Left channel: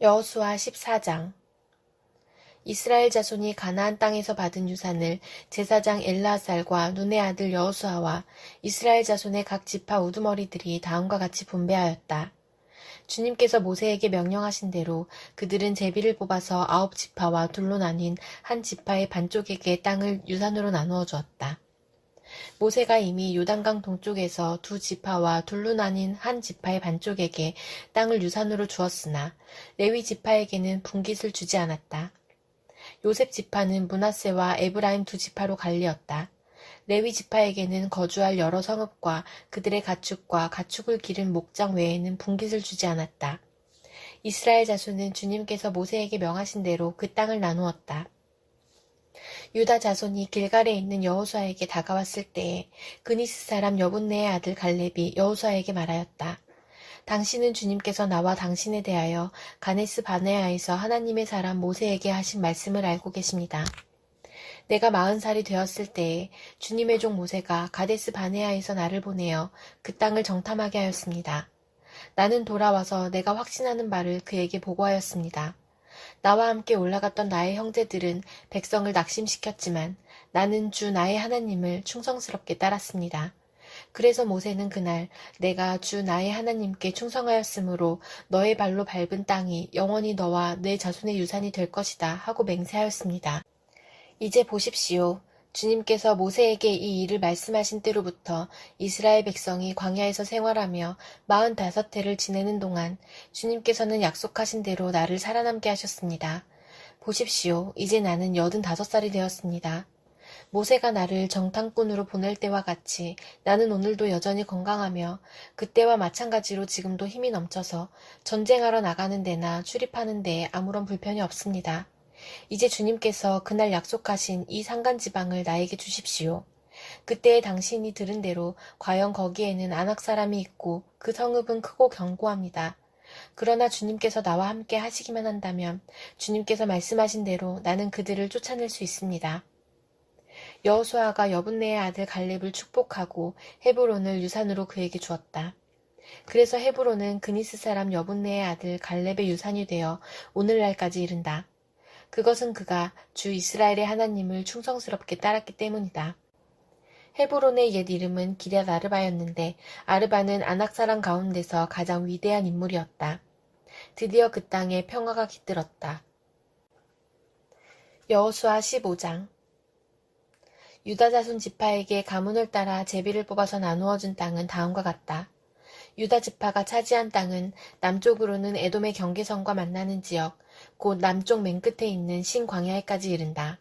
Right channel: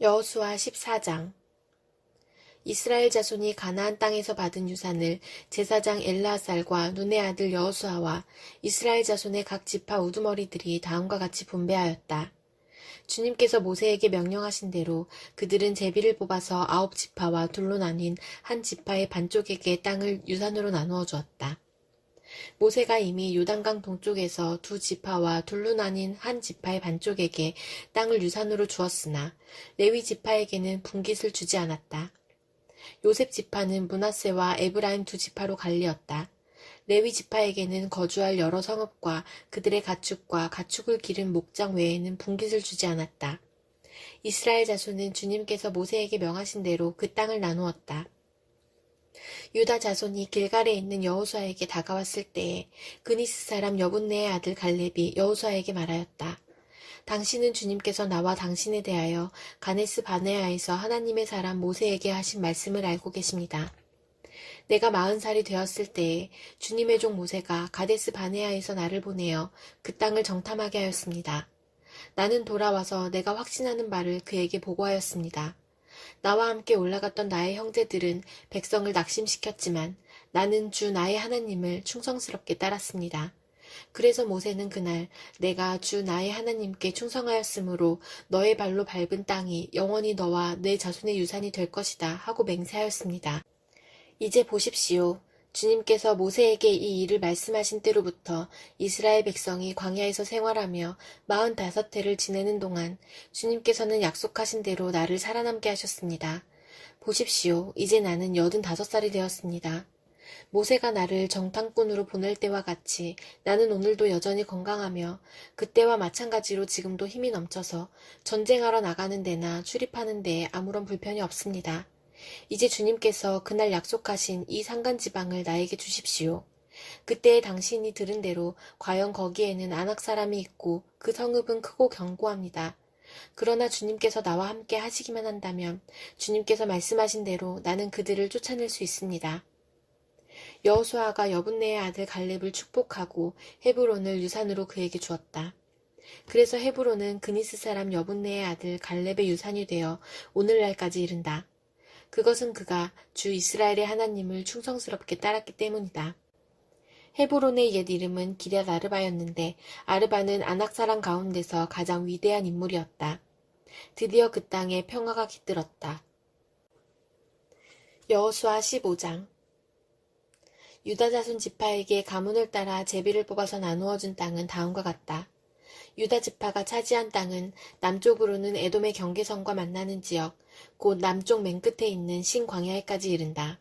여호수아 14장. 이스라엘 자손이 가나안 땅에서 받은 유산을 제사장 엘르아살과 눈의 아들 여호수아와 이스라엘 자손의 각 지파 우두머리들이 다음과 같이 분배하였다. 주님께서 모세에게 명령하신 대로 그들은 제비를 뽑아서 9지파와 둘로 나뉜 한 지파의 반쪽에게 땅을 유산으로 나누어 주었다. 모세가 이미 요단강 동쪽에서 2지파와 둘로 나뉜 한 지파의 반쪽에게 땅을 유산으로 주었으나 레위 지파에게는 분깃을 주지 않았다. 요셉 지파는 므낫세와 에브라임 2지파로 갈리었다. 레위 지파에게는 거주할 여러 성읍과 그들의 가축과 가축을 기른 목장 외에는 분깃을 주지 않았다. 이스라엘 자손은 주님께서 모세에게 명하신 대로 그 땅을 나누었다. 유다 자손이 길갈에 있는 여호수아에게 다가왔을 때에 그니스 사람 여분네의 아들 갈렙이 여호수아에게 말하였다. 당신은 주님께서 나와 당신에 대하여 가데스 바네아에서 하나님의 사람 모세에게 하신 말씀을 알고 계십니다. 내가 40살이 되었을 때에 주님의 종 모세가 가데스 바네아에서 나를 보내어 그 땅을 정탐하게 하였습니다. 나는 돌아와서 내가 확신하는 바를 그에게 보고하였습니다. 나와 함께 올라갔던 나의 형제들은 백성을 낙심시켰지만 나는 주 나의 하나님을 충성스럽게 따랐습니다. 그래서 모세는 그날 내가 주 나의 하나님께 충성하였으므로 너의 발로 밟은 땅이 영원히 너와 내 자손의 유산이 될 것이다 하고 맹세하였습니다. 이제 보십시오. 주님께서 모세에게 이 일을 말씀하신 때로부터 이스라엘 백성이 광야에서 생활하며 45해를 지내는 동안 주님께서는 약속하신 대로 나를 살아남게 하셨습니다. 보십시오. 이제 나는 85살이 되었습니다. 모세가 나를 정탐꾼으로 보낼 때와 같이 나는 오늘도 여전히 건강하며 그때와 마찬가지로 지금도 힘이 넘쳐서 전쟁하러 나가는 데나 출입하는 데에 아무런 불편이 없습니다. 이제 주님께서 그날 약속하신 이 산간지방을 나에게 주십시오. 그때에 당신이 들은 대로 과연 거기에는 아낙 사람이 있고 그 성읍은 크고 견고합니다. 그러나 주님께서 나와 함께 하시기만 한다면 주님께서 말씀하신 대로 나는 그들을 쫓아낼 수 있습니다. 여호수아가 여분네의 아들 갈렙을 축복하고 헤브론을 유산으로 그에게 주었다. 그래서 헤브론은 그니스 사람 여분네의 아들 갈렙의 유산이 되어 오늘날까지 이른다. 그것은 그가 주 이스라엘의 하나님을 충성스럽게 따랐기 때문이다. 헤브론의 옛 이름은 기럇 아르바였는데 아르바는 아낙 사람 가운데서 가장 위대한 인물이었다. 드디어 그 땅에 평화가 깃들었다. 여호수아 15장. 유다 자손 지파에게 가문을 따라 제비를 뽑아서 나누어 준 땅은 다음과 같다. 유다 지파가 차지한 땅은 남쪽으로는 에돔의 경계선과 만나는 지역, 곧 남쪽 맨 끝에 있는 신광야에까지 이른다.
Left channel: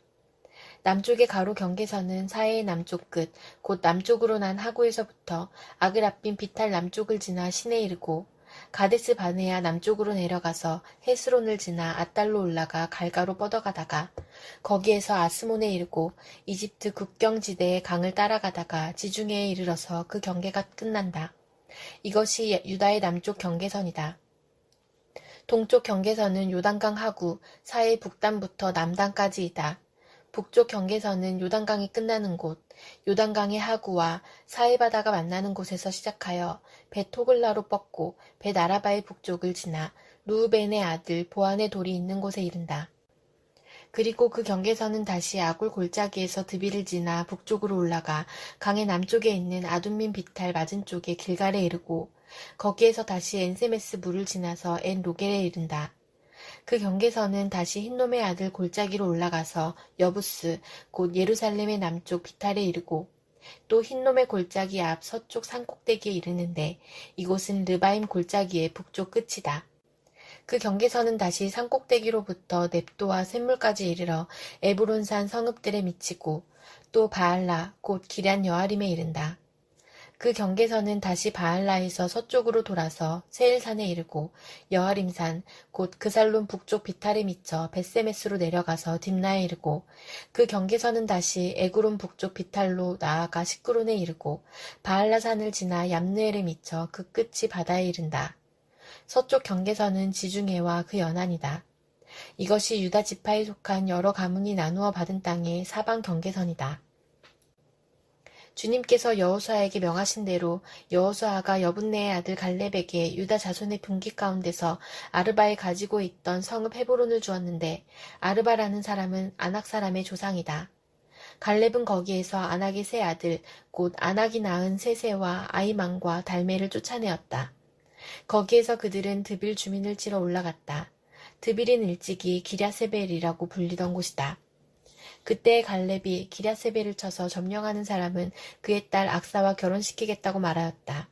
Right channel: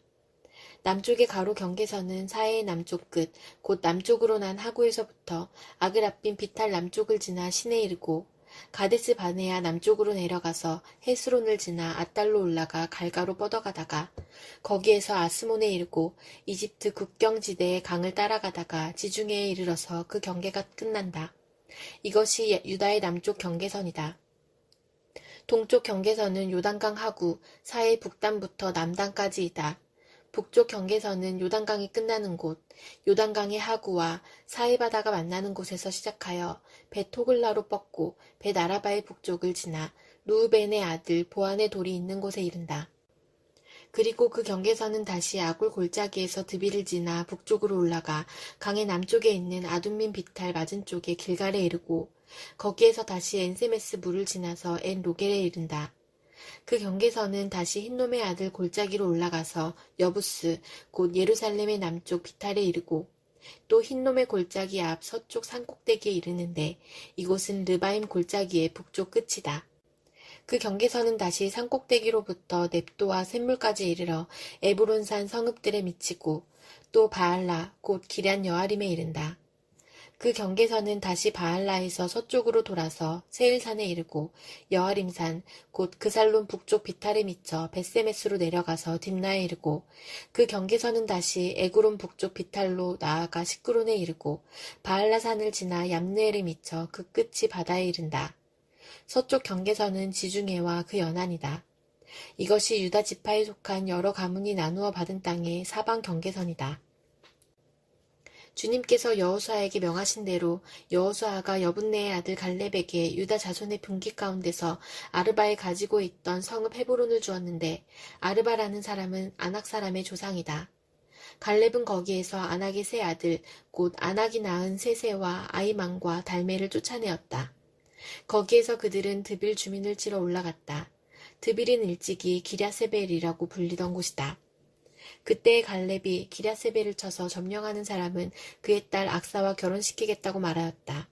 남쪽의 가로 경계선은 사해의 남쪽 끝, 곧 남쪽으로 난 하구에서부터 아그라빈 비탈 남쪽을 지나 신에 이르고 가데스 바네아 남쪽으로 내려가서 헤스론을 지나 아달로 올라가 갈가로 뻗어가다가 거기에서 아스몬에 이르고 이집트 국경지대의 강을 따라가다가 지중해에 이르러서 그 경계가 끝난다. 이것이 유다의 남쪽 경계선이다. 동쪽 경계선은 요단강 하구, 사해 북단부터 남단까지이다. 북쪽 경계선은 요단강이 끝나는 곳, 요단강의 하구와 사해 바다가 만나는 곳에서 시작하여 벳호글라로 뻗고 벳아라바의 북쪽을 지나 루우벤의 아들 보안의 돌이 있는 곳에 이른다. 그리고 그 경계선은 다시 아굴 골짜기에서 드비를 지나 북쪽으로 올라가 강의 남쪽에 있는 아둠민 비탈 맞은쪽에 길갈에 이르고 거기에서 다시 엔세메스 물을 지나서 엔 로겔에 이른다. 그 경계선은 다시 흰놈의 아들 골짜기로 올라가서 여부스 곧 예루살렘의 남쪽 비탈에 이르고 또 흰놈의 골짜기 앞 서쪽 산꼭대기에 이르는데 이곳은 르바임 골짜기의 북쪽 끝이다. 그 경계선은 다시 산꼭대기로부터 넵도와 샘물까지 이르러 에브론산 성읍들에 미치고 또 바알라 곧 기럇 여아림에 이른다. 그 경계선은 다시 바알라에서 서쪽으로 돌아서 세일산에 이르고 여아림산 곧 그살론 북쪽 비탈에 미쳐 벳세메스로 내려가서 딥나에 이르고 그 경계선은 다시 에그론 북쪽 비탈로 나아가 시크론에 이르고 바알라산을 지나 얌느엘에 미쳐 그 끝이 바다에 이른다. 서쪽 경계선은 지중해와 그 연안이다. 이것이 유다 지파에 속한 여러 가문이 나누어 받은 땅의 사방 경계선이다. 주님께서 여호수아에게 명하신 대로 여호수아가 여분네의 아들 갈렙에게 유다 자손의 분기 가운데서 아르바에 가지고 있던 성읍 헤브론을 주었는데 아르바라는 사람은 아낙 사람의 조상이다. 갈렙은 거기에서 아낙의 세 아들 곧 아낙이 낳은 세세와 아이만과 달메를 쫓아내었다. 거기에서 그들은 드빌 주민을 치러 올라갔다. 드빌은 일찍이 기랴세벨이라고 불리던 곳이다. 그때 갈렙이 기랴세벨을 쳐서 점령하는 사람은 그의 딸 악사와 결혼시키겠다고 말하였다.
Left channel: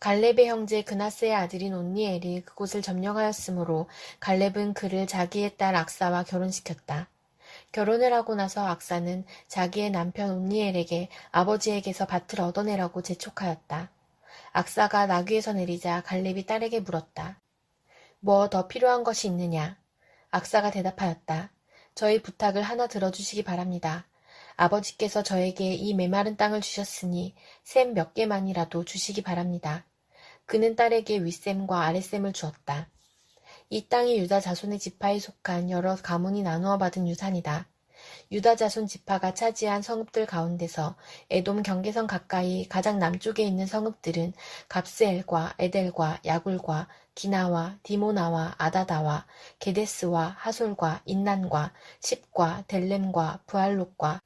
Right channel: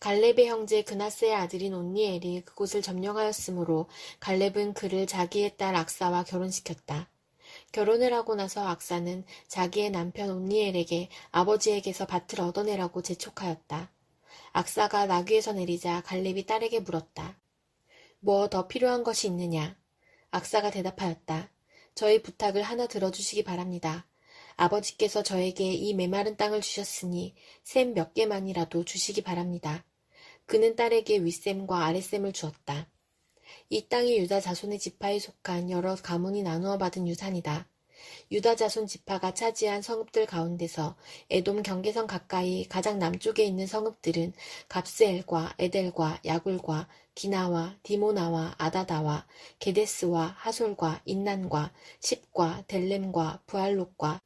갈렙의 형제 그나스의 아들인 온니엘이 그곳을 점령하였으므로 갈렙은 그를 자기의 딸 악사와 결혼시켰다. 결혼을 하고 나서 악사는 자기의 남편 온니엘에게 아버지에게서 밭을 얻어내라고 재촉하였다. 악사가 나귀에서 내리자 갈렙이 딸에게 물었다. 뭐 더 필요한 것이 있느냐? 악사가 대답하였다. 저희 부탁을 하나 들어주시기 바랍니다. 아버지께서 저에게 이 메마른 땅을 주셨으니 셈 몇 개만이라도 주시기 바랍니다. 그는 딸에게 윗셈과 아랫셈을 주었다. 이 땅이 유다 자손의 지파에 속한 여러 가문이 나누어 받은 유산이다. 유다 자손 지파가 차지한 성읍들 가운데서 에돔 경계선 가까이 가장 남쪽에 있는 성읍들은 갑스엘과 에델과 야굴과 기나와 디모나와 아다다와 게데스와 하솔과 인난과 십과 델렘과 부알롯과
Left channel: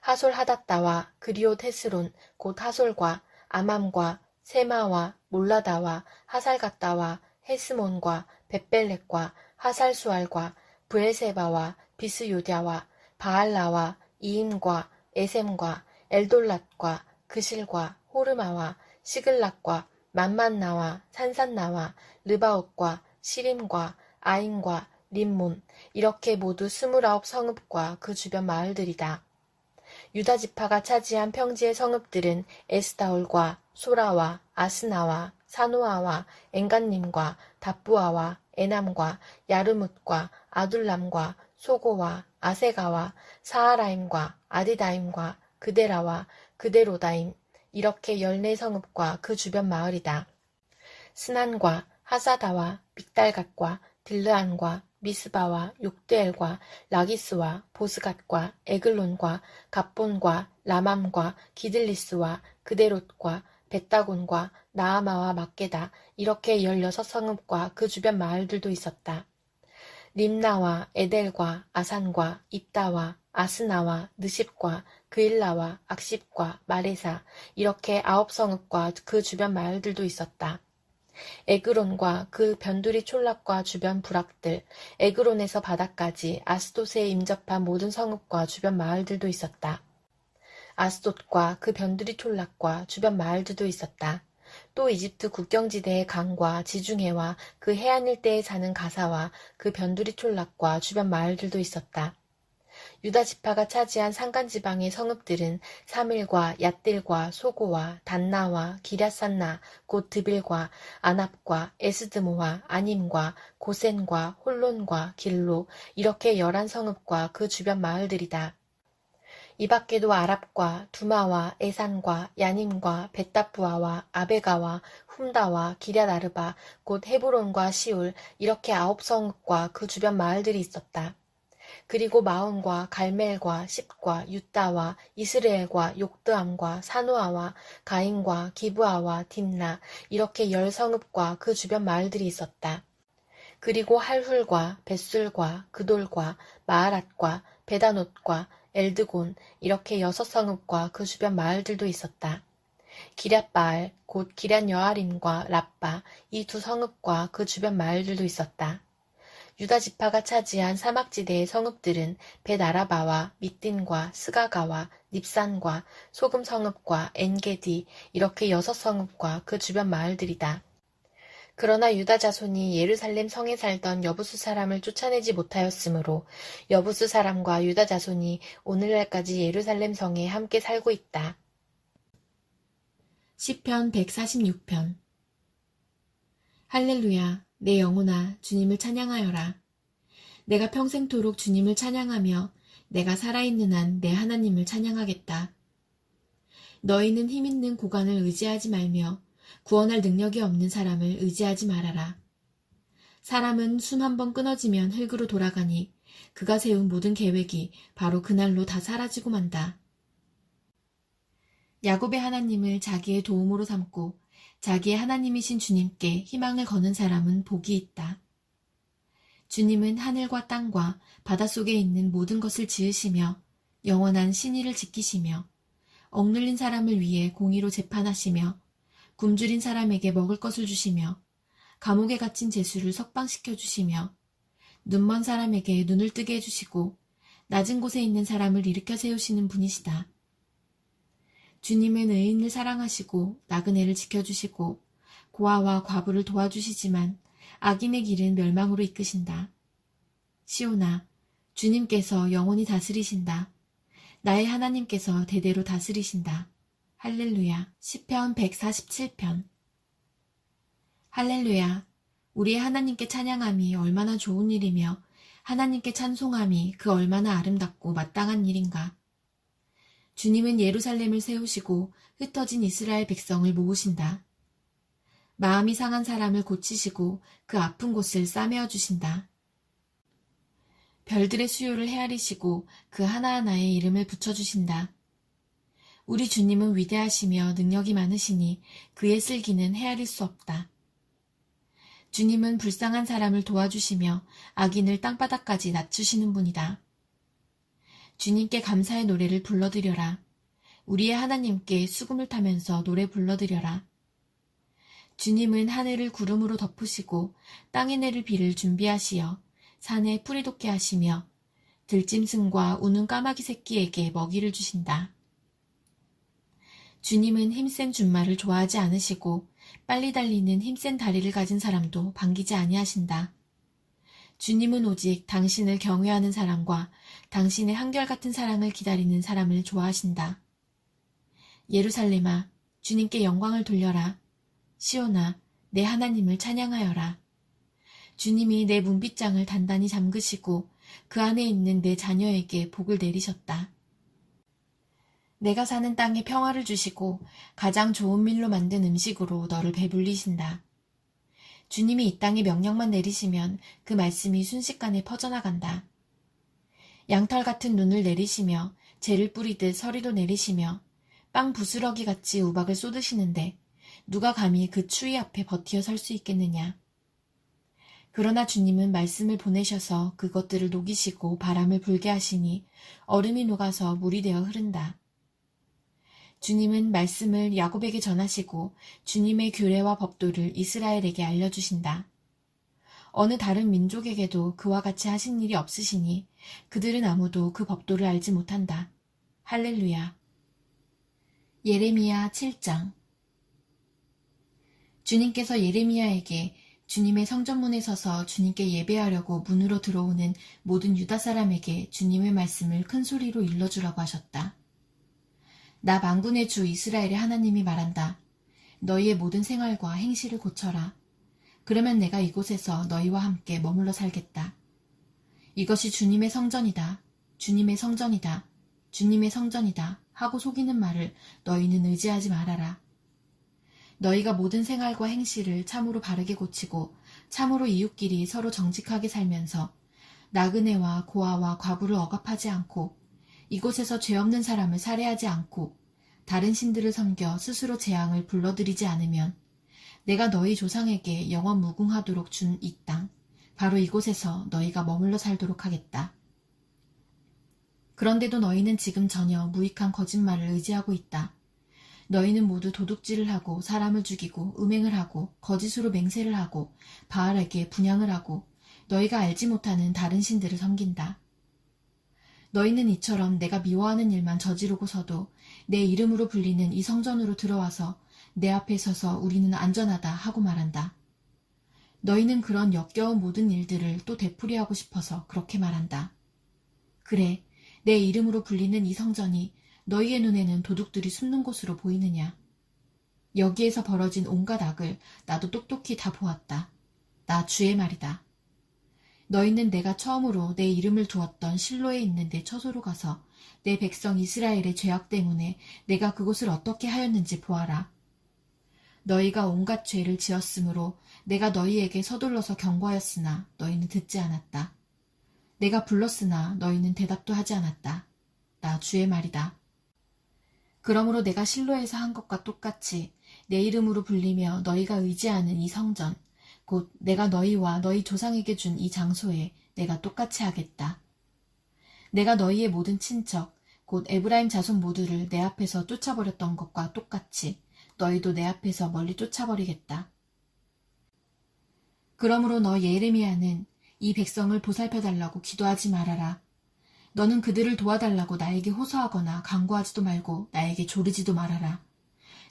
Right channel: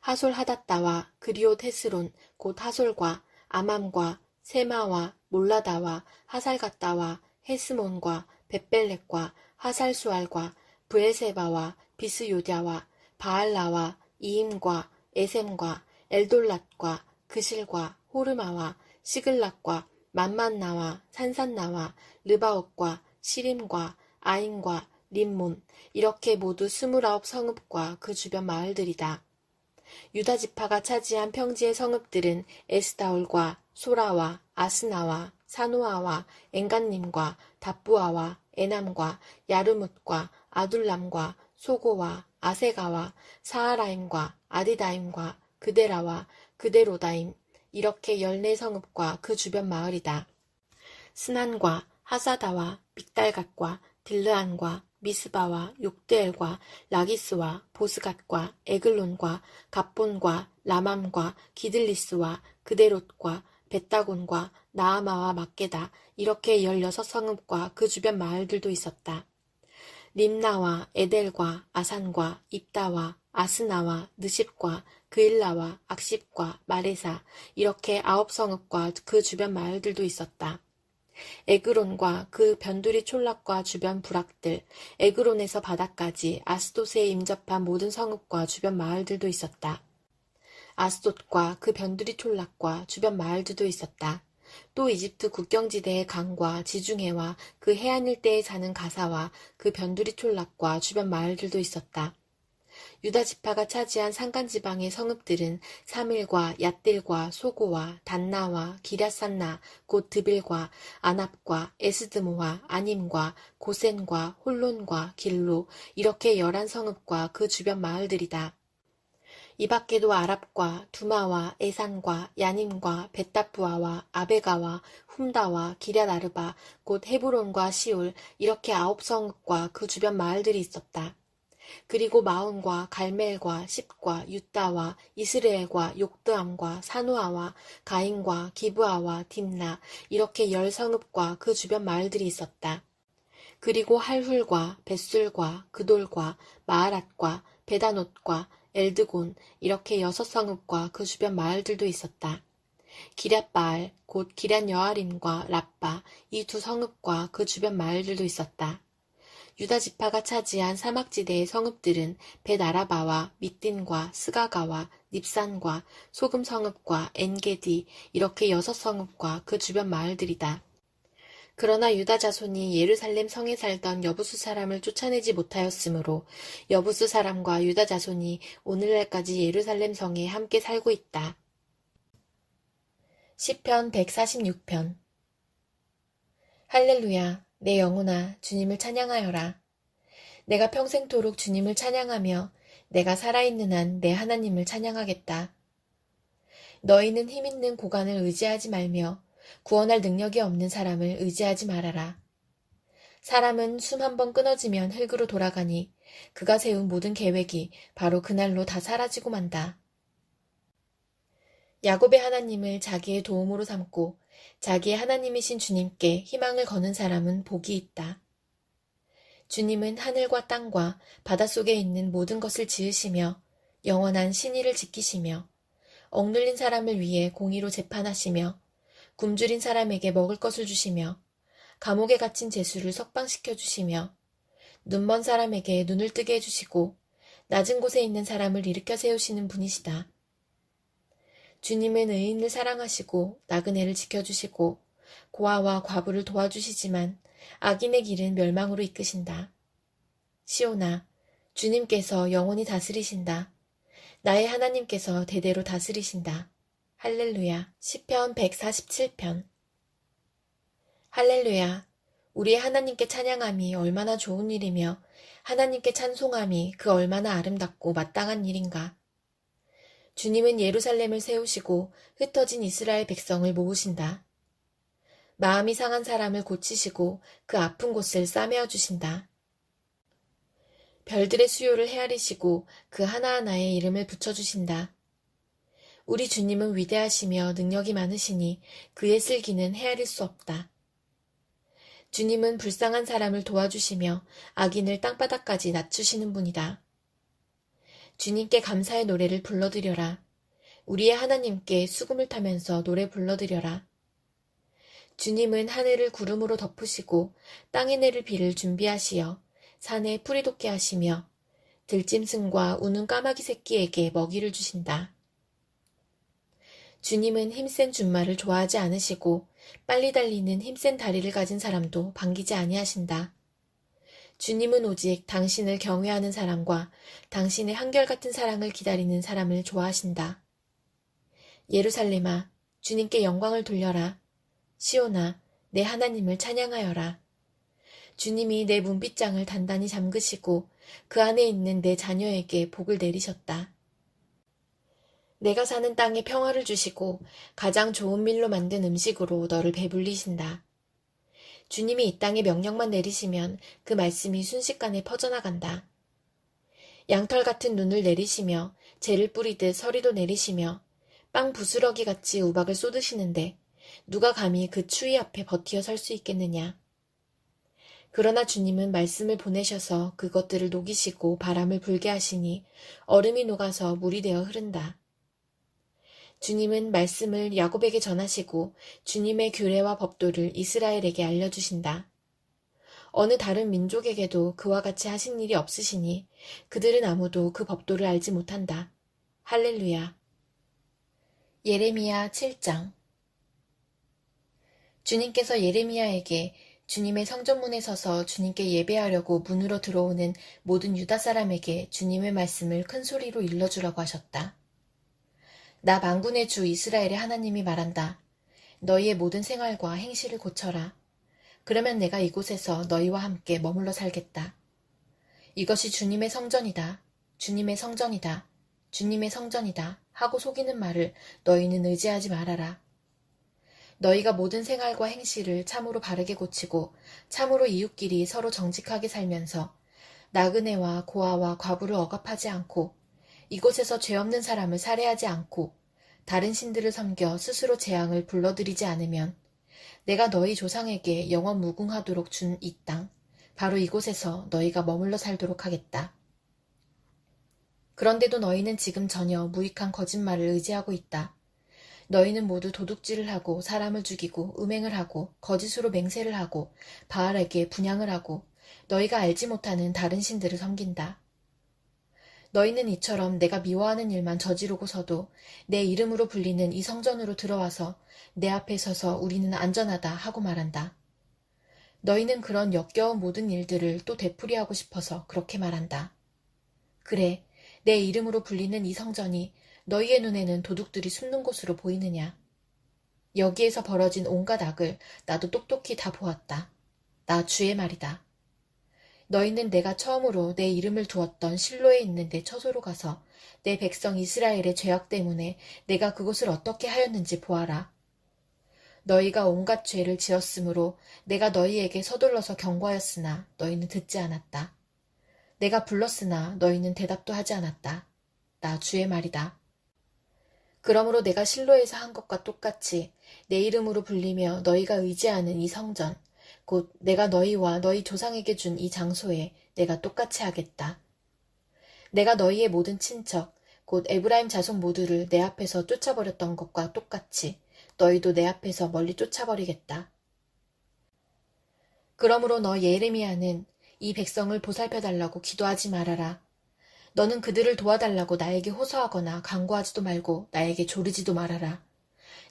하솔 하닷다와 그리옷 헤스론 곧 하솔과 아맘과 세마와 몰라다와 하살갓다와 헤스몬과 벳벨렉과 하살수알과 브엘세바와 비스요ďa와 바알라와 이임과 에셈과 엘돌랏과 그실과 호르마와 시글락과 만만나와 산산나와 르바옷과 시림과 아인과 림몬 이렇게 모두 29 성읍과 그 주변 마을들이다. 유다 지파가 차지한 평지의 성읍들은 에스다올과 소라와 아스나와 사노아와 엔간님과 답부아와 에남과 야르뭇과 아둘람과 소고와 아세가와 사하라임과 아디다임과 그데라와 그데로다임 이렇게 14성읍과 그 주변 마을이다. 스난과 하사다와 믹달갓과 딜르안과 미스바와 욕드엘과 라기스와 보스갓과 에글론과 갑본과 라맘과 기들리스와 그데롯과 벳다곤과 나아마와 막게다 이렇게 16성읍과 그 주변 마을들도 있었다. 림나와 에델과 아산과 입다와 아스나와 느십과 그일라와 악십과 마레사 이렇게 9성읍과 그 주변 마을들도 있었다. 에그론과 그 변두리 촌락과 주변 부락들, 에그론에서 바다까지 아스돗에 임접한 모든 성읍과 주변 마을들도 있었다. 아스돗과 그 변두리 촌락과 주변 마을들도 있었다. 또 이집트 국경지대의 강과 지중해와 그 해안 일대에 사는 가사와 그 변두리 촌락과 주변 마을들도 있었다. 유다 지파가 차지한 산간지방의 성읍들은 사밀과 얏딜과 소고와 단나와 기랴산나 곧 드빌과 아납과 에스드모와 아님과 고센과 홀론과 길로 이렇게 11성읍과 그 주변 마을들이다. 이 밖에도 아랍과 두마와 에산과 야님과 벳다부아와 아베가와 훔다와 기랴나르바 곧 헤브론과 시울 이렇게 9성읍과 그 주변 마을들이 있었다. 그리고 마온과 갈멜과 십과 유다와 이스라엘과 욕드암과 사노아와 가인과 기브아와 딥나 이렇게 10성읍과 그 주변 마을들이 있었다. 그리고 할훌과 벳술과 그돌과 마하랏과 베다노트과 엘드곤 이렇게 6성읍과 그 주변 마을들도 있었다. 기럇바알 곧 기럇여아림과 랍바 이 2성읍과 그 주변 마을들도 있었다. 유다 지파가 차지한 사막지대의 성읍들은 벳아라바와 밑딘과 스가가와 닙산과 소금 성읍과 엔게디 이렇게 6성읍과 그 주변 마을들이다. 그러나 유다 자손이 예루살렘 성에 살던 여부수 사람을 쫓아내지 못하였으므로 여부수 사람과 유다 자손이 오늘날까지 예루살렘 성에 함께 살고 있다. 시편 146편. 할렐루야, 내 영혼아 주님을 찬양하여라. 내가 평생토록 주님을 찬양하며 내가 살아있는 한 내 하나님을 찬양하겠다. 너희는 힘있는 고관을 의지하지 말며 구원할 능력이 없는 사람을 의지하지 말아라. 사람은 숨 한 번 끊어지면 흙으로 돌아가니 그가 세운 모든 계획이 바로 그날로 다 사라지고 만다. 야곱의 하나님을 자기의 도움으로 삼고 자기의 하나님이신 주님께 희망을 거는 사람은 복이 있다. 주님은 하늘과 땅과 바닷속에 있는 모든 것을 지으시며 영원한 신의를 지키시며 억눌린 사람을 위해 공의로 재판하시며 굶주린 사람에게 먹을 것을 주시며 감옥에 갇힌 죄수를 석방시켜 주시며 눈먼 사람에게 눈을 뜨게 해주시고 낮은 곳에 있는 사람을 일으켜 세우시는 분이시다. 주님은 의인을 사랑하시고 나그네를 지켜주시고 고아와 과부를 도와주시지만 악인의 길은 멸망으로 이끄신다. 시온아, 주님께서 영원히 다스리신다. 나의 하나님께서 대대로 다스리신다. 할렐루야. 시편 147편. 할렐루야. 우리의 하나님께 찬양함이 얼마나 좋은 일이며 하나님께 찬송함이 그 얼마나 아름답고 마땅한 일인가. 주님은 예루살렘을 세우시고 흩어진 이스라엘 백성을 모으신다. 마음이 상한 사람을 고치시고 그 아픈 곳을 싸매어 주신다. 별들의 수요를 헤아리시고 그 하나하나에 이름을 붙여주신다. 우리 주님은 위대하시며 능력이 많으시니 그의 슬기는 헤아릴 수 없다. 주님은 불쌍한 사람을 도와주시며 악인을 땅바닥까지 낮추시는 분이다. 주님께 감사의 노래를 불러드려라. 우리의 하나님께 수금을 타면서 노래 불러드려라. 주님은 하늘을 구름으로 덮으시고 땅에 내릴 비를 준비하시어 산에 풀이 돋게 하시며 들짐승과 우는 까마귀 새끼에게 먹이를 주신다. 주님은 힘센 준말을 좋아하지 않으시고 빨리 달리는 힘센 다리를 가진 사람도 반기지 아니하신다. 주님은 오직 당신을 경외하는 사람과 당신의 한결같은 사랑을 기다리는 사람을 좋아하신다. 예루살렘아, 주님께 영광을 돌려라. 시온아, 내 하나님을 찬양하여라. 주님이 내 문빗장을 단단히 잠그시고 그 안에 있는 내 자녀에게 복을 내리셨다. 내가 사는 땅에 평화를 주시고 가장 좋은 밀로 만든 음식으로 너를 배불리신다. 주님이 이 땅에 명령만 내리시면 그 말씀이 순식간에 퍼져나간다. 양털 같은 눈을 내리시며 재를 뿌리듯 서리도 내리시며 빵 부스러기 같이 우박을 쏟으시는데 누가 감히 그 추위 앞에 버티어 설 수 있겠느냐. 그러나 주님은 말씀을 보내셔서 그것들을 녹이시고 바람을 불게 하시니 얼음이 녹아서 물이 되어 흐른다. 주님은 말씀을 야곱에게 전하시고 주님의 규례와 법도를 이스라엘에게 알려주신다. 어느 다른 민족에게도 그와 같이 하신 일이 없으시니 그들은 아무도 그 법도를 알지 못한다. 할렐루야. 예레미야 7장. 주님께서 예레미야에게 주님의 성전문에 서서 주님께 예배하려고 문으로 들어오는 모든 유다 사람에게 주님의 말씀을 큰 소리로 일러주라고 하셨다. 나 만군의 주 이스라엘의 하나님이 말한다. 너희의 모든 생활과 행실을 고쳐라. 그러면 내가 이곳에서 너희와 함께 머물러 살겠다. 이것이 주님의 성전이다. 주님의 성전이다. 주님의 성전이다. 하고 속이는 말을 너희는 의지하지 말아라. 너희가 모든 생활과 행실을 참으로 바르게 고치고 참으로 이웃끼리 서로 정직하게 살면서 나그네와 고아와 과부를 억압하지 않고 이곳에서 죄 없는 사람을 살해하지 않고 다른 신들을 섬겨 스스로 재앙을 불러들이지 않으면 내가 너희 조상에게 영원 무궁하도록 준 이 땅, 바로 이곳에서 너희가 머물러 살도록 하겠다. 그런데도 너희는 지금 전혀 무익한 거짓말을 의지하고 있다. 너희는 모두 도둑질을 하고 사람을 죽이고 음행을 하고 거짓으로 맹세를 하고 바알에게 분향을 하고 너희가 알지 못하는 다른 신들을 섬긴다. 너희는 이처럼 내가 미워하는 일만 저지르고서도 내 이름으로 불리는 이 성전으로 들어와서 내 앞에 서서 우리는 안전하다 하고 말한다. 너희는 그런 역겨운 모든 일들을 또 되풀이하고 싶어서 그렇게 말한다. 그래, 내 이름으로 불리는 이 성전이 너희의 눈에는 도둑들이 숨는 곳으로 보이느냐. 여기에서 벌어진 온갖 악을 나도 똑똑히 다 보았다. 나 주의 말이다. 너희는 내가 처음으로 내 이름을 두었던 실로에 있는 내 처소로 가서 내 백성 이스라엘의 죄악 때문에 내가 그곳을 어떻게 하였는지 보아라. 너희가 온갖 죄를 지었으므로 내가 너희에게 서둘러서 경고하였으나 너희는 듣지 않았다. 내가 불렀으나 너희는 대답도 하지 않았다. 나 주의 말이다. 그러므로 내가 실로에서 한 것과 똑같이 내 이름으로 불리며 너희가 의지하는 이 성전, 곧 내가 너희와 너희 조상에게 준 이 장소에 내가 똑같이 하겠다. 내가 너희의 모든 친척, 곧 에브라임 자손 모두를 내 앞에서 쫓아버렸던 것과 똑같이 너희도 내 앞에서 멀리 쫓아버리겠다. 그러므로 너 예레미야는 이 백성을 보살펴달라고 기도하지 말아라. 너는 그들을 도와달라고 나에게 호소하거나 간구하지도 말고 나에게 조르지도 말아라.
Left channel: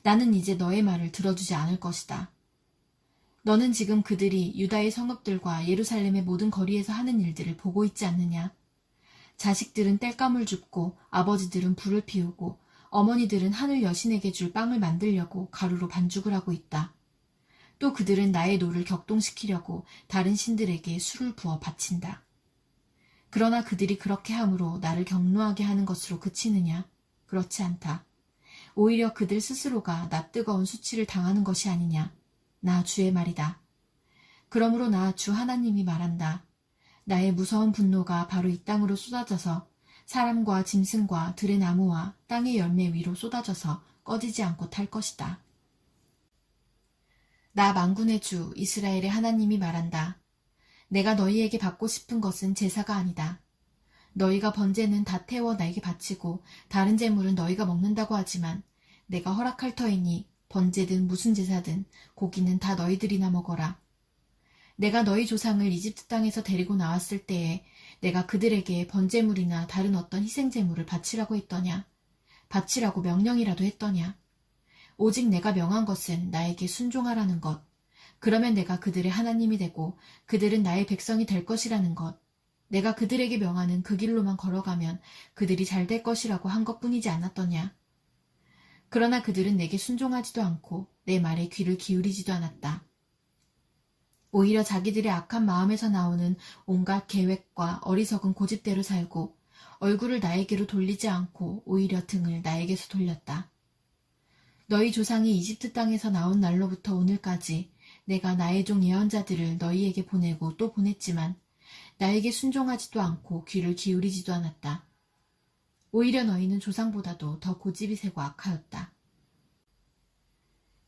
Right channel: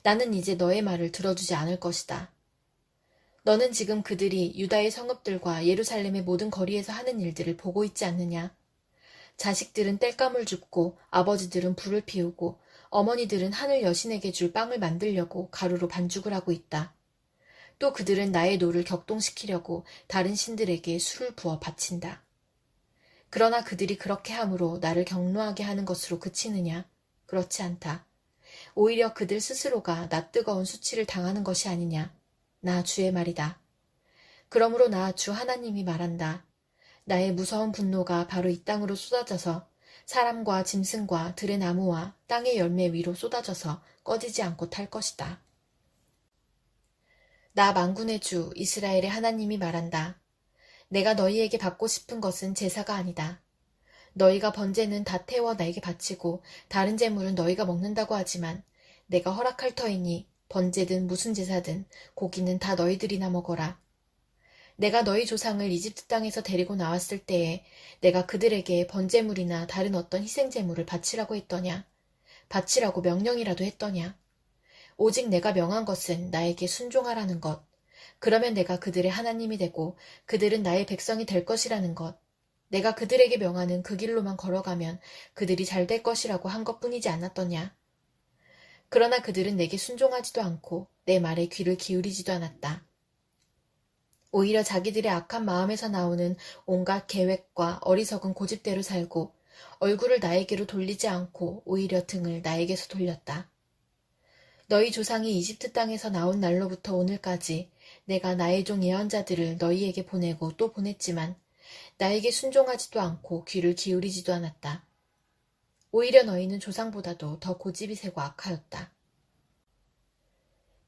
나는 이제 너의 말을 들어주지 않을 것이다. 너는 지금 그들이 유다의 성읍들과 예루살렘의 모든 거리에서 하는 일들을 보고 있지 않느냐? 자식들은 땔감을 줍고 아버지들은 불을 피우고 어머니들은 하늘 여신에게 줄 빵을 만들려고 가루로 반죽을 하고 있다. 또 그들은 나의 노를 격동시키려고 다른 신들에게 술을 부어 바친다. 그러나 그들이 그렇게 함으로 나를 경노하게 하는 것으로 그치느냐? 그렇지 않다. 오히려 그들 스스로가 낯뜨거운 수치를 당하는 것이 아니냐? 나 주의 말이다. 그러므로 나 주 하나님이 말한다. 나의 무서운 분노가 바로 이 땅으로 쏟아져서 사람과 짐승과 들의 나무와 땅의 열매 위로 쏟아져서 꺼지지 않고 탈 것이다. 나 만군의 주 이스라엘의 하나님이 말한다. 내가 너희에게 받고 싶은 것은 제사가 아니다. 너희가 번제는 다 태워 나에게 바치고 다른 제물은 너희가 먹는다고 하지만 내가 허락할 터이니 번제든 무슨 제사든 고기는 다 너희들이나 먹어라. 내가 너희 조상을 이집트 땅에서 데리고 나왔을 때에 내가 그들에게 번제물이나 다른 어떤 희생제물을 바치라고 했더냐? 바치라고 명령이라도 했더냐? 오직 내가 명한 것은 나에게 순종하라는 것. 그러면 내가 그들의 하나님이 되고 그들은 나의 백성이 될 것이라는 것. 내가 그들에게 명하는 그 길로만 걸어가면 그들이 잘 될 것이라고 한 것뿐이지 않았더냐. 그러나 그들은 내게 순종하지도 않고 내 말에 귀를 기울이지도 않았다. 오히려 자기들의 악한 마음에서 나오는 온갖 계획과 어리석은 고집대로 살고 얼굴을 나에게로 돌리지 않고 오히려 등을 나에게서 돌렸다. 너희 조상이 이집트 땅에서 나온 날로부터 오늘까지 내가 나의 종 예언자들을 너희에게 보내고 또 보냈지만 나에게 순종하지도 않고 귀를 기울이지도 않았다. 오히려 너희는 조상보다도 더 고집이 세고 악하였다.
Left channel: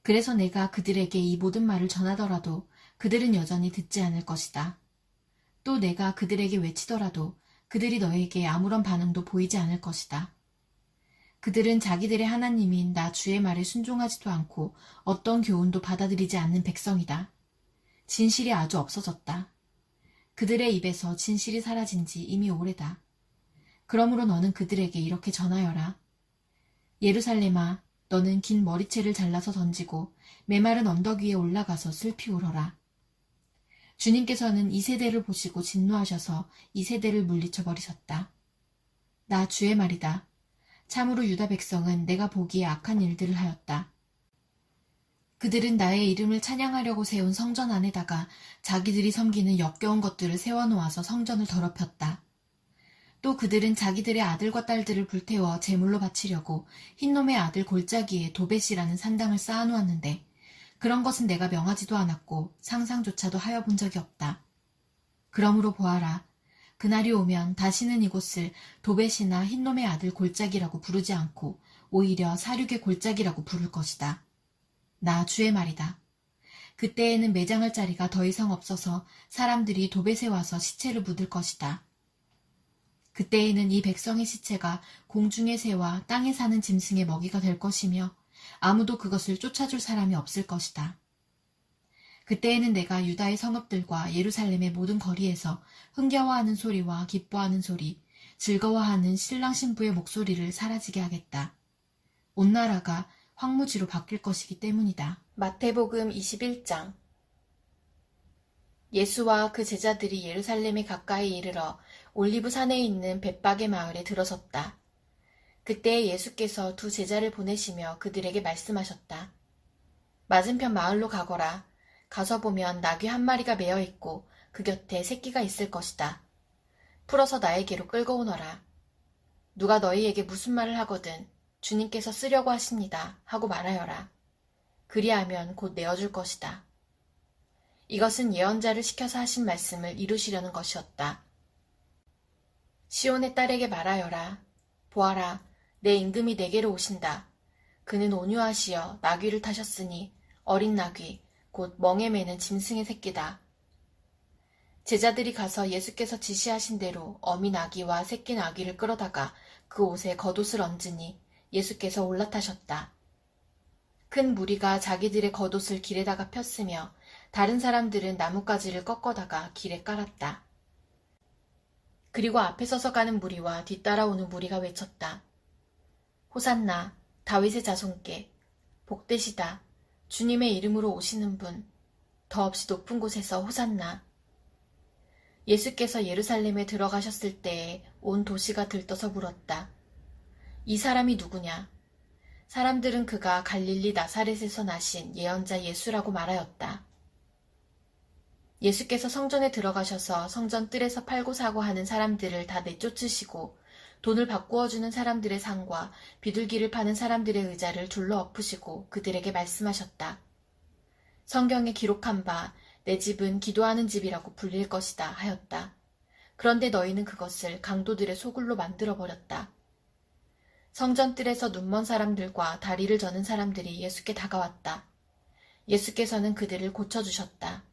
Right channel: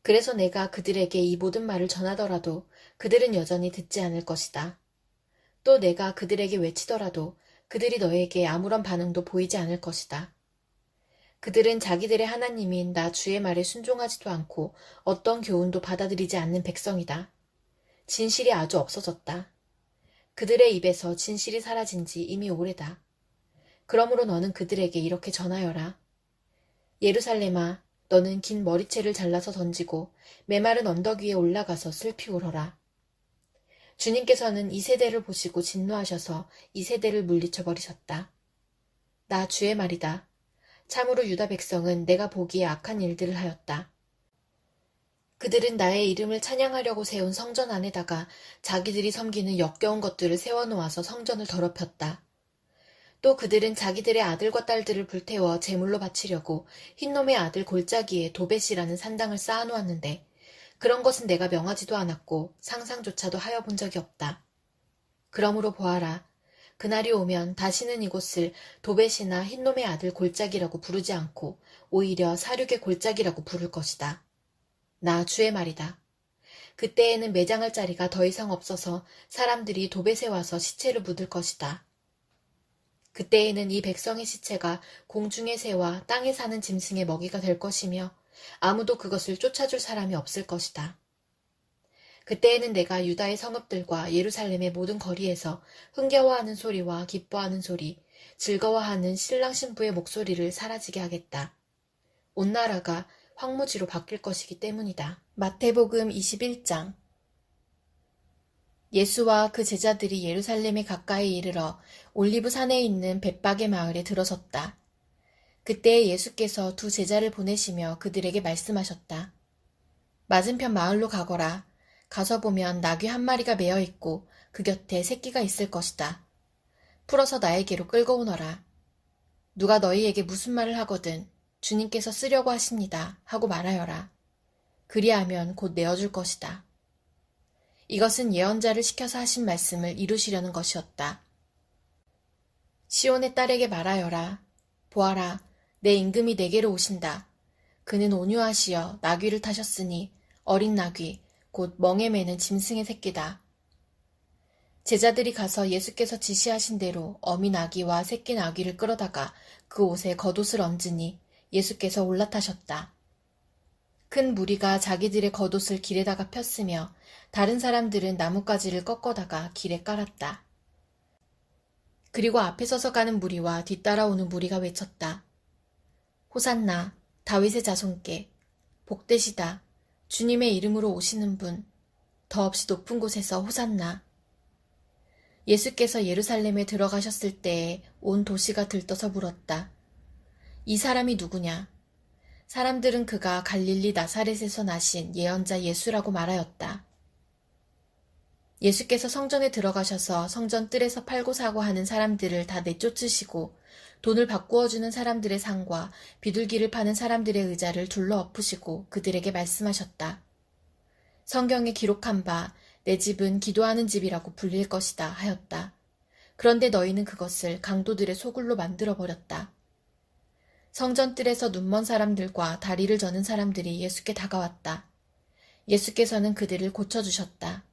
그래서 내가 그들에게 이 모든 말을 전하더라도 그들은 여전히 듣지 않을 것이다. 또 내가 그들에게 외치더라도 그들이 너에게 아무런 반응도 보이지 않을 것이다. 그들은 자기들의 하나님인 나 주의 말에 순종하지도 않고 어떤 교훈도 받아들이지 않는 백성이다. 진실이 아주 없어졌다. 그들의 입에서 진실이 사라진 지 이미 오래다. 그러므로 너는 그들에게 이렇게 전하여라. 예루살렘아, 너는 긴 머리채를 잘라서 던지고 메마른 언덕 위에 올라가서 슬피 울어라. 주님께서는 이 세대를 보시고 진노하셔서 이 세대를 물리쳐 버리셨다. 나 주의 말이다. 참으로 유다 백성은 내가 보기에 악한 일들을 하였다. 그들은 나의 이름을 찬양하려고 세운 성전 안에다가 자기들이 섬기는 역겨운 것들을 세워놓아서 성전을 더럽혔다. 또 그들은 자기들의 아들과 딸들을 불태워 제물로 바치려고 흰놈의 아들 골짜기에 도벳이라는 산당을 쌓아놓았는데 그런 것은 내가 명하지도 않았고 상상조차도 하여 본 적이 없다. 그러므로 보아라. 그날이 오면 다시는 이곳을 도벳이나 흰놈의 아들 골짜기라고 부르지 않고 오히려 사륙의 골짜기라고 부를 것이다. 나 주의 말이다. 그때에는 매장할 자리가 더 이상 없어서 사람들이 도벳에 와서 시체를 묻을 것이다. 그때에는 이 백성의 시체가 공중의 새와 땅에 사는 짐승의 먹이가 될 것이며 아무도 그것을 쫓아줄 사람이 없을 것이다. 그때에는 내가 유다의 성읍들과 예루살렘의 모든 거리에서 흥겨워하는 소리와 기뻐하는 소리, 즐거워하는 신랑 신부의 목소리를 사라지게 하겠다. 온 나라가 황무지로 바뀔 것이기 때문이다. 마태복음 21장. 예수와 그 제자들이 예루살렘에 가까이 이르러 올리브 산에 있는 벳박의 마을에 들어섰다. 그때 예수께서 두 제자를 보내시며 그들에게 말씀하셨다. 맞은편 마을로 가거라. 가서 보면 나귀 한 마리가 매어 있고 그 곁에 새끼가 있을 것이다. 풀어서 나에게로 끌고 오너라. 누가 너희에게 무슨 말을 하거든 주님께서 쓰려고 하십니다 하고 말하여라. 그리하면 곧 내어줄 것이다. 이것은 예언자를 시켜서 하신 말씀을 이루시려는 것이었다. 시온의 딸에게 말하여라. 보아라, 내 임금이 내게로 오신다. 그는 온유하시어 나귀를 타셨으니 어린 나귀, 곧 멍에 매는 짐승의 새끼다. 제자들이 가서 예수께서 지시하신 대로 어미 나귀와 새끼 나귀를 끌어다가 그 옷에 겉옷을 얹으니 예수께서 올라타셨다. 큰 무리가 자기들의 겉옷을 길에다가 폈으며 다른 사람들은 나뭇가지를 꺾어다가 길에 깔았다. 그리고 앞에 서서 가는 무리와 뒤따라오는 무리가 외쳤다. 호산나, 다윗의 자손께, 복되시다, 주님의 이름으로 오시는 분, 더없이 높은 곳에서 호산나. 예수께서 예루살렘에 들어가셨을 때에 온 도시가 들떠서 물었다. 이 사람이 누구냐? 사람들은 그가 갈릴리 나사렛에서 나신 예언자 예수라고 말하였다. 예수께서 성전에 들어가셔서 성전 뜰에서 팔고 사고 하는 사람들을 다 내쫓으시고 돈을 바꾸어 주는 사람들의 상과 비둘기를 파는 사람들의 의자를 둘러 엎으시고 그들에게 말씀하셨다. 성경에 기록한 바 내 집은 기도하는 집이라고 불릴 것이다 하였다. 그런데 너희는 그것을 강도들의 소굴로 만들어버렸다. 성전 뜰에서 눈먼 사람들과 다리를 저는 사람들이 예수께 다가왔다. 예수께서는 그들을 고쳐주셨다.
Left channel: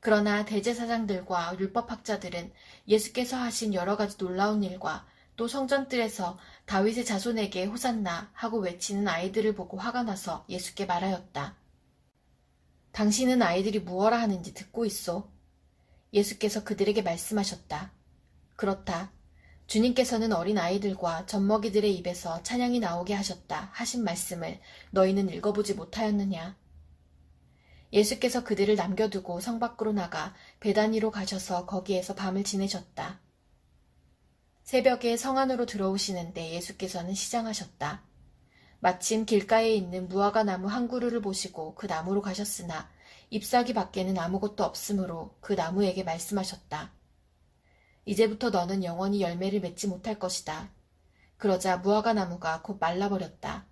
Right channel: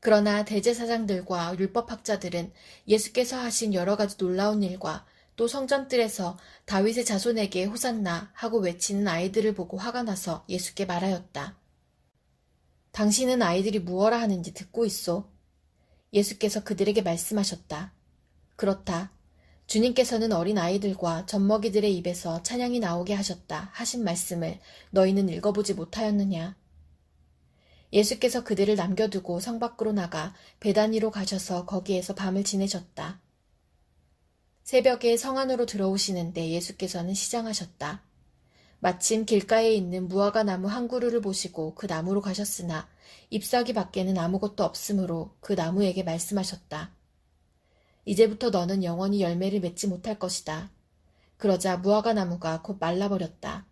그러나 대제사장들과 율법학자들은 예수께서 하신 여러 가지 놀라운 일과 또 성전뜰에서 다윗의 자손에게 호산나 하고 외치는 아이들을 보고 화가 나서 예수께 말하였다. 당신은 아이들이 무엇라 하는지 듣고 있소? 예수께서 그들에게 말씀하셨다. 그렇다. 주님께서는 어린 아이들과 젖먹이들의 입에서 찬양이 나오게 하셨다 하신 말씀을 너희는 읽어보지 못하였느냐? 예수께서 그들을 남겨두고 성 밖으로 나가 베다니로 가셔서 거기에서 밤을 지내셨다. 새벽에 성 안으로 들어오시는데 예수께서는 시장하셨다. 마침 길가에 있는 무화과 나무 한 그루를 보시고 그 나무로 가셨으나 잎사귀 밖에는 아무것도 없으므로 그 나무에게 말씀하셨다. 이제부터 너는 영원히 열매를 맺지 못할 것이다. 그러자 무화과 나무가 곧 말라버렸다.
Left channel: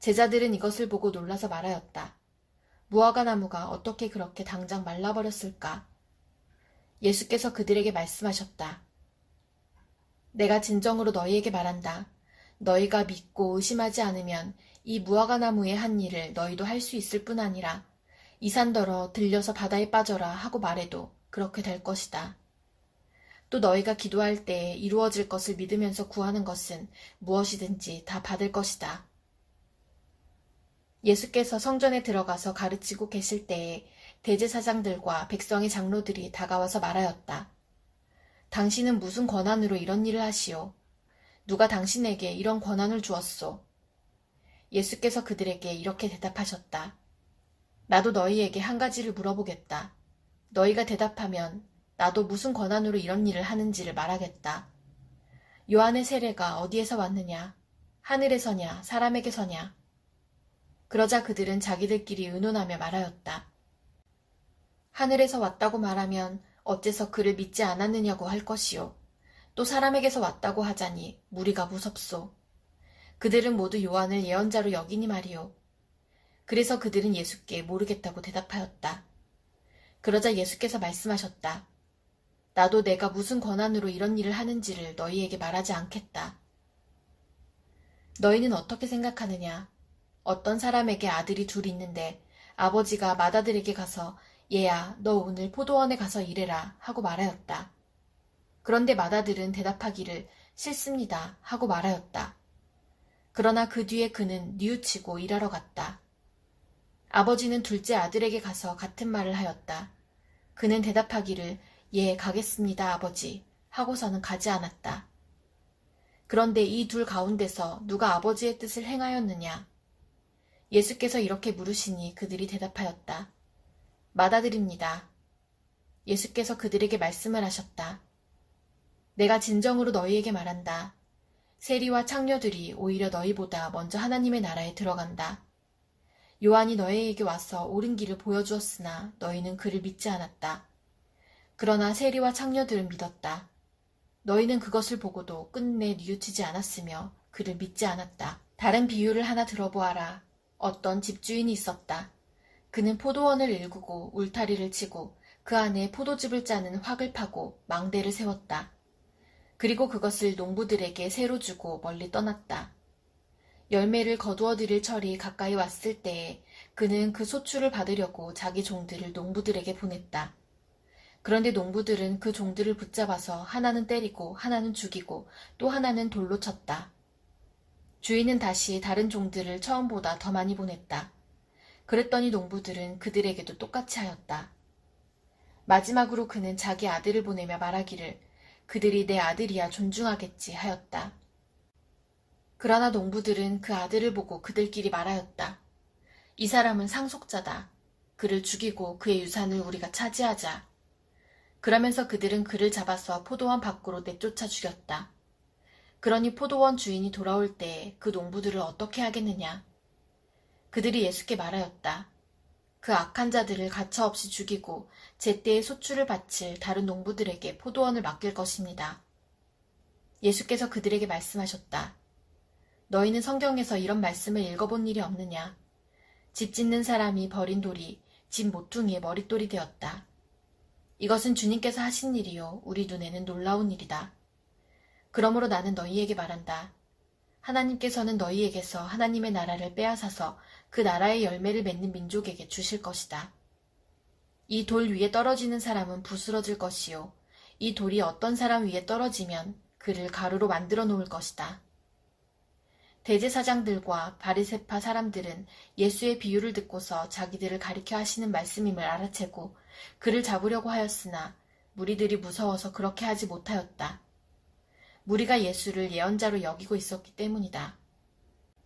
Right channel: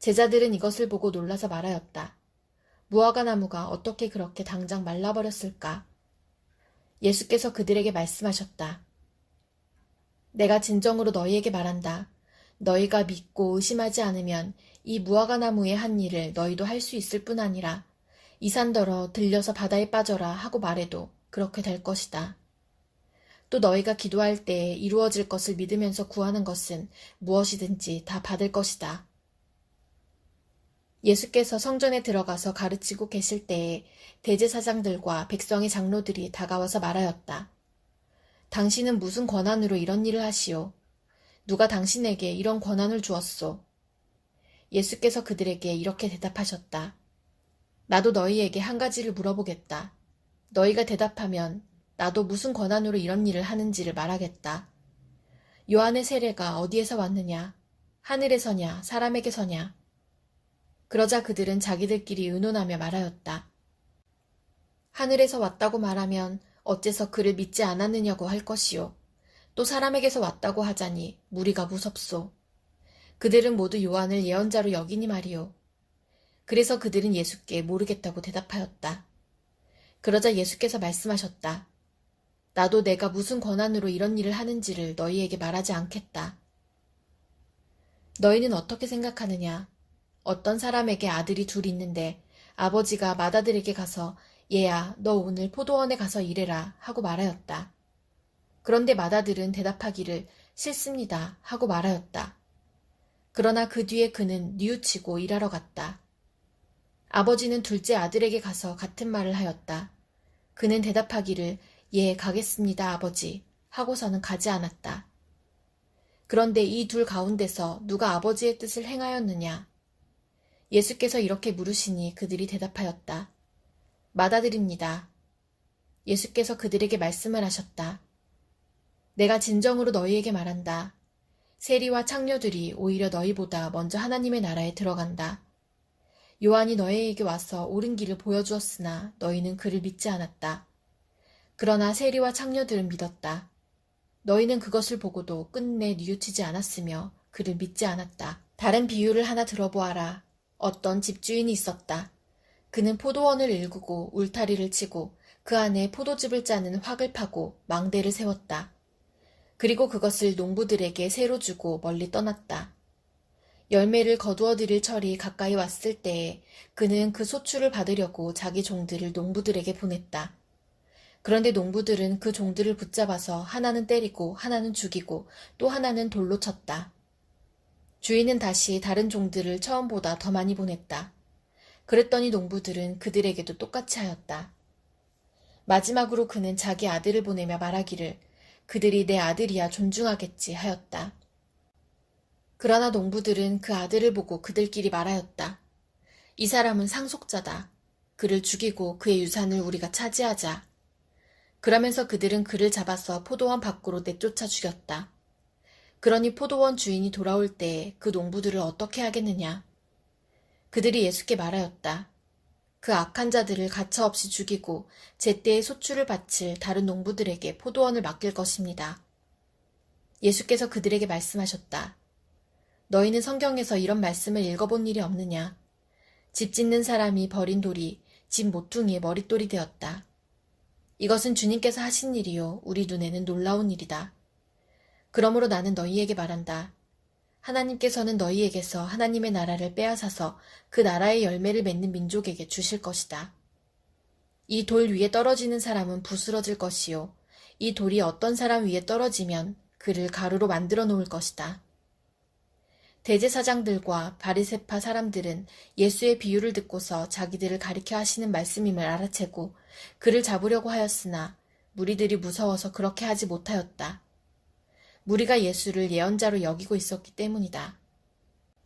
제자들은 이것을 보고 놀라서 말하였다. 무화과 나무가 어떻게 그렇게 당장 말라버렸을까? 예수께서 그들에게 말씀하셨다. 내가 진정으로 너희에게 말한다. 너희가 믿고 의심하지 않으면 이 무화과 나무의 한 일을 너희도 할 수 있을 뿐 아니라 이 산더러 들려서 바다에 빠져라 하고 말해도 그렇게 될 것이다. 또 너희가 기도할 때에 이루어질 것을 믿으면서 구하는 것은 무엇이든지 다 받을 것이다. 예수께서 성전에 들어가서 가르치고 계실 때에 대제사장들과 백성의 장로들이 다가와서 말하였다. 당신은 무슨 권한으로 이런 일을 하시오? 누가 당신에게 이런 권한을 주었소? 예수께서 그들에게 이렇게 대답하셨다. 나도 너희에게 한 가지를 물어보겠다. 너희가 대답하면 나도 무슨 권한으로 이런 일을 하는지를 말하겠다. 요한의 세례가 어디에서 왔느냐? 하늘에서냐? 사람에게서냐? 그러자 그들은 자기들끼리 의논하며 말하였다. 하늘에서 왔다고 말하면 어째서 그를 믿지 않았느냐고 할 것이요. 또 사람에게서 왔다고 하자니 무리가 무섭소. 그들은 모두 요한을 예언자로 여기니 말이오. 그래서 그들은 예수께 모르겠다고 대답하였다. 그러자 예수께서 말씀하셨다. 나도 내가 무슨 권한으로 이런 일을 하는지를 너희에게 말하지 않겠다. 너희는 어떻게 생각하느냐? 어떤 사람에게 아들이 둘 있는데 아버지가 맏아들에게 가서 얘야, 너 오늘 포도원에 가서 일해라 하고 말하였다. 그런데 맏아들은 대답하기를 싫습니다 하고 말하였다. 그러나 그 뒤에 그는 뉘우치고 일하러 갔다. 아버지는 둘째 아들에게 가서 같은 말을 하였다. 그는 대답하기를 예, 가겠습니다 아버지 하고서는 가지 않았다. 그런데 이 둘 가운데서 누가 아버지의 뜻을 행하였느냐? 예수께서 이렇게 물으시니 그들이 대답하였다. 맏아들입니다. 예수께서 그들에게 말씀을 하셨다. 내가 진정으로 너희에게 말한다. 세리와 창녀들이 오히려 너희보다 먼저 하나님의 나라에 들어간다. 요한이 너희에게 와서 옳은 길을 보여주었으나 너희는 그를 믿지 않았다. 그러나 세리와 창녀들은 믿었다. 너희는 그것을 보고도 끝내 뉘우치지 않았으며 그를 믿지 않았다. 다른 비유를 하나 들어보아라. 어떤 집주인이 있었다. 그는 포도원을 일구고 울타리를 치고 그 안에 포도즙을 짜는 확을 파고 망대를 세웠다. 그리고 그것을 농부들에게 새로 주고 멀리 떠났다. 열매를 거두어 들일 철이 가까이 왔을 때에 그는 그 소출을 받으려고 자기 종들을 농부들에게 보냈다. 그런데 농부들은 그 종들을 붙잡아서 하나는 때리고 하나는 죽이고 또 하나는 돌로 쳤다. 주인은 다시 다른 종들을 처음보다 더 많이 보냈다. 그랬더니 농부들은 그들에게도 똑같이 하였다. 마지막으로 그는 자기 아들을 보내며 말하기를 그들이 내 아들이야 존중하겠지 하였다. 그러나 농부들은 그 아들을 보고 그들끼리 말하였다. 이 사람은 상속자다. 그를 죽이고 그의 유산을 우리가 차지하자. 그러면서 그들은 그를 잡아서 포도원 밖으로 내쫓아 죽였다. 그러니 포도원 주인이 돌아올 때에 그 농부들을 어떻게 하겠느냐. 그들이 예수께 말하였다. 그 악한 자들을 가차없이 죽이고 제때에 소출을 바칠 다른 농부들에게 포도원을 맡길 것입니다. 예수께서 그들에게 말씀하셨다. 너희는 성경에서 이런 말씀을 읽어본 일이 없느냐. 집 짓는 사람이 버린 돌이 집 모퉁이의 머릿돌이 되었다. 이것은 주님께서 하신 일이요 우리 눈에는 놀라운 일이다. 그러므로 나는 너희에게 말한다. 하나님께서는 너희에게서 하나님의 나라를 빼앗아서 그 나라의 열매를 맺는 민족에게 주실 것이다. 이 돌 위에 떨어지는 사람은 부스러질 것이요 이 돌이 어떤 사람 위에 떨어지면 그를 가루로 만들어 놓을 것이다. 대제사장들과 바리새파 사람들은 예수의 비유를 듣고서 자기들을 가리켜 하시는 말씀임을 알아채고 그를 잡으려고 하였으나 무리들이 무서워서 그렇게 하지 못하였다. 무리가 예수를 예언자로 여기고 있었기 때문이다.